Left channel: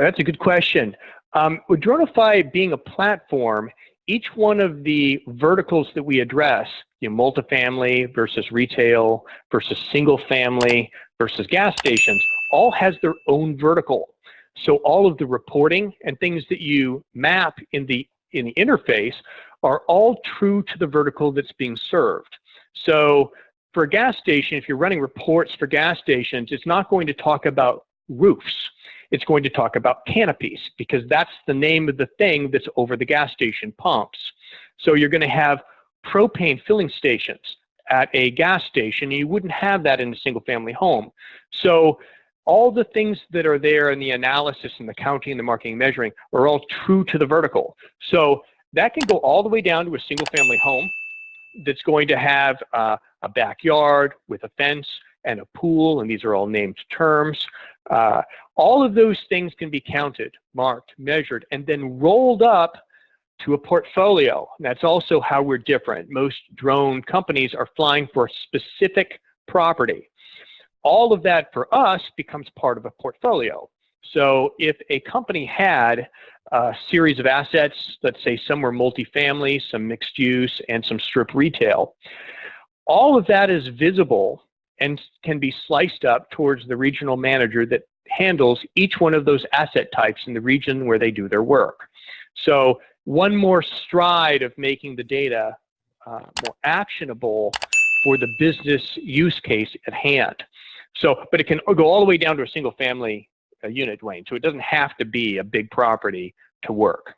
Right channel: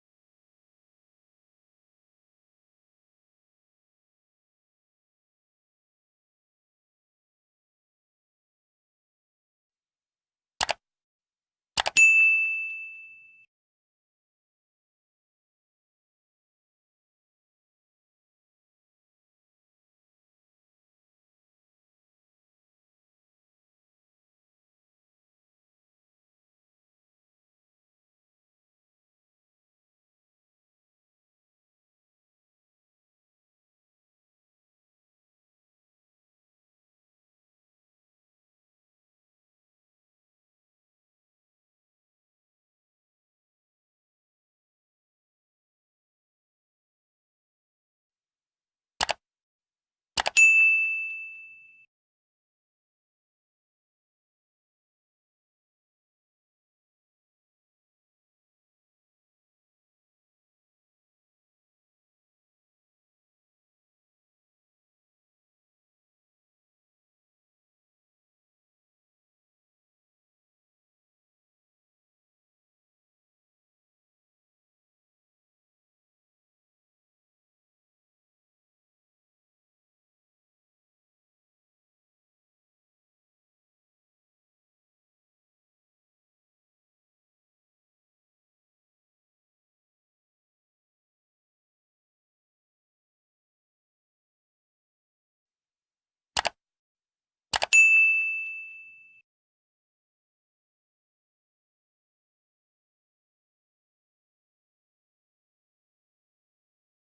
That's a good question. With Dronifi being a platform, each one of the verticals that we address, multifamily versus retail versus single family versus gas stations, all has their own vertical. So all of the reporting and things that you map in the interface are all true to the vertical that's being served. So for a gas station, if you're running reports for gas stations, it's not going to talk about roofs. It's going to talk about canopies, because that's the name of the thing that's over the gas station pumps. So you're going to have propane filling stations at a gas station. You wouldn't have that in a single family home. So all the things that are there in the analysis and the counting and the marking and measuring are all true to the vertical. So that can go all the way down to a single family home that's going to have a backyard with a fence and a pool, and these are all named terms. All of those things can be counted, marked, measured, and then rolled up to a portfolio. And that's also how we're different. Most drone companies are flying for a specific property. All of that for us becomes part of a portfolio. So if a company had a series of assets, let's say some were multifamily, some mixed use, and some strip retail, all of that is visible and can be sliced up towards the regional manager that handles each one of those asset types in the region where they do their work. So one more stride of making the data more actionable for the business use case at hand. So, but it can go all the way down to a single family unit, Dwayne. So it doesn't have to be a big property to work.